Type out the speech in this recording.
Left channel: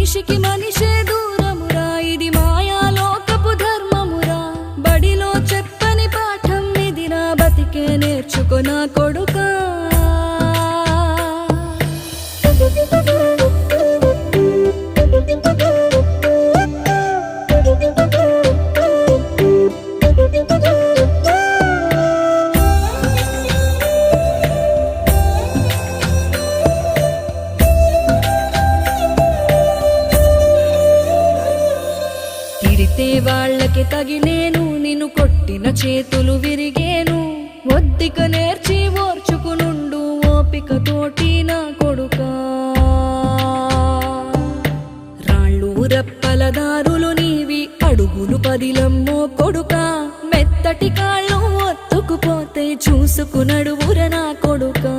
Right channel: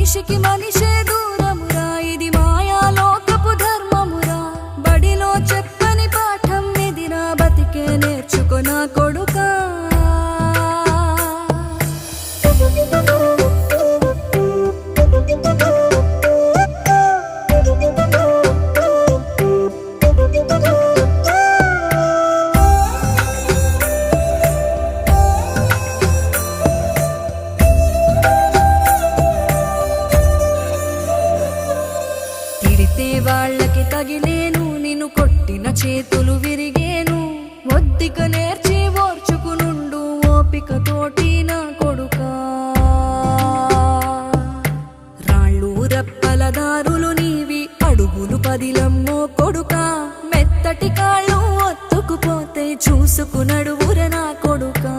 మనిషికి మనిషే దూరమురా, ఇది మాయాలోకపు ధర్మమురా. బడిలో చెప్పని పాఠం ఇదిరా, బతికే నేర్చుకో నా కొడుకా. తిడితే వాళ్ళకి తగిలేను, నిన్ను కొట్టిన చేతులు విరిగేను. ఒద్దిక నేర్చి ఓర్చుకునుండు ఓపికతోటి నా కొడుకా. రాళ్ళు రప్పల దారులు నీవి, అడుగులు పదిలమ్మో కొడుకా. మెత్తటి కాళ్ళు ఒత్తుకుపోతే చూసుకునడువుర నా కొడుకా.